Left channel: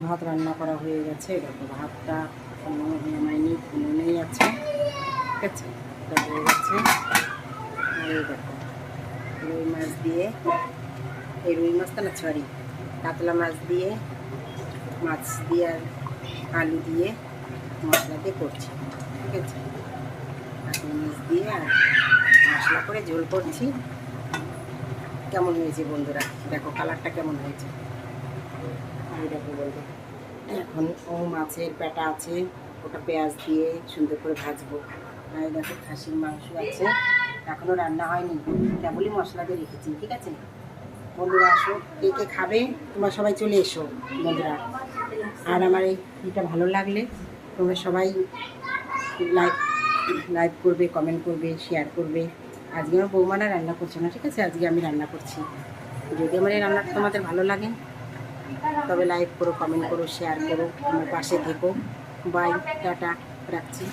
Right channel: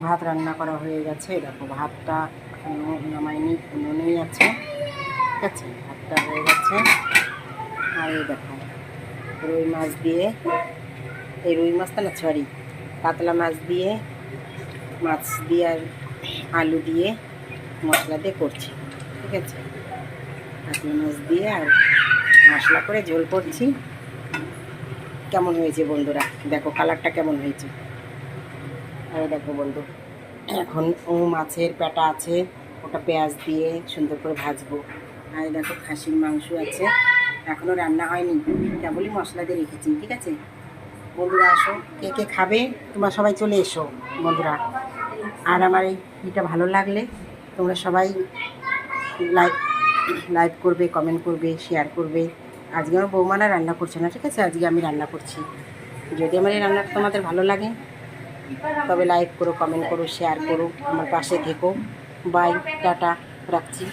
ভাত রান্না করা হয়ে গেছে। দেখো ভাতটা এখনো নামাইনি, উনুনেই আছে। ঠিক আছে, ভাতটা হয়ে গেছে। আর এই দেখো রুই মাছ দিয়ে, এই রুই মাছটা না সরি কাতলা মাছ দিয়ে, মাছ দিয়ে আর আলু দিয়ে মশলা দিয়ে করছি। ঠিক আছে, কাতলা মাছ দিয়ে আর মশলা করে ঝোল করছি। কেমন হয়েছে বন্ধুরা? দেখো কালারটা কেমন হয়েছে। আর দেখো বন্ধু, এখন মাছের পেটা আছে, ওটা পেঁয়াজ দিয়ে সুন্দর করে ভাজবো। আর দেখো খাসির মাংস আছে, এখনও রান্না হয়নি, কেবলই মশলা দিয়ে রেখেছি। ঠিক আছে বন্ধুরা, আসো কে কে খাবে, তোমরা সবাই চলে এসো বন্ধুরা। আর আমার এই ভিডিওটা ভালো লাগলে তোমরা সবাই লাইক লাইক করবে, কমেন্ট করবে, শেয়ার করবে। আজকে আমার বৌমারা রান্না করছে না, ঠিক আছে, আজকে আমি রান্না করছি। যদি আমার এই রান্নাটা তোমাদের ভালো লাগে তবে লাইক করো, কমেন্ট করো, শেয়ার করো, আমার পাশে থেকো। বাই, টাটা, রাখছি।